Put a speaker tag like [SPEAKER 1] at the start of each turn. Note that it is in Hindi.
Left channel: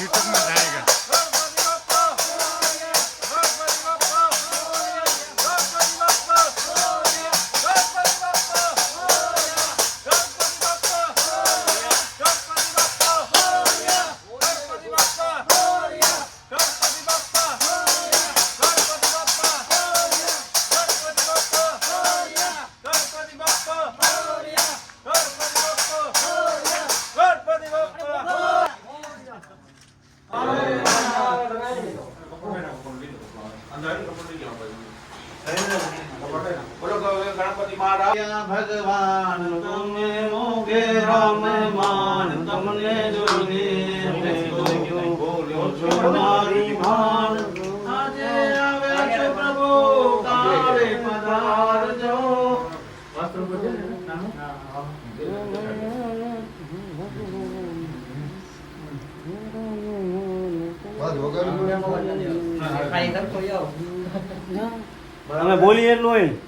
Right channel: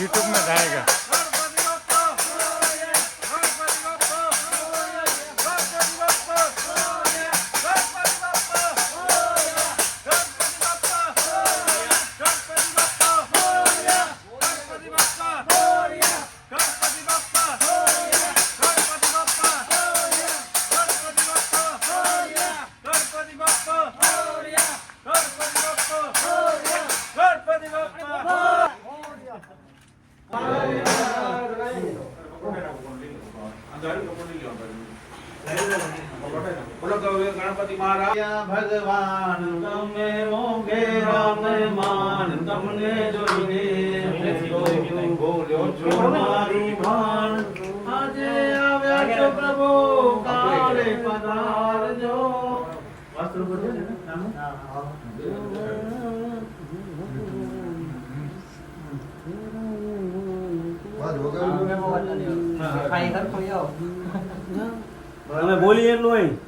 [SPEAKER 1] यूट्यूब में
[SPEAKER 2] जाएगा।
[SPEAKER 1] गणपति महाराज भगवान तुमने मोगे राम मान तुमने दुर्गे बोलो तुम्हारी भान आजे आवे प्रभु काले पधार जो वस्त्र बोले
[SPEAKER 3] ना
[SPEAKER 1] અમે
[SPEAKER 4] બોલીએ એટલું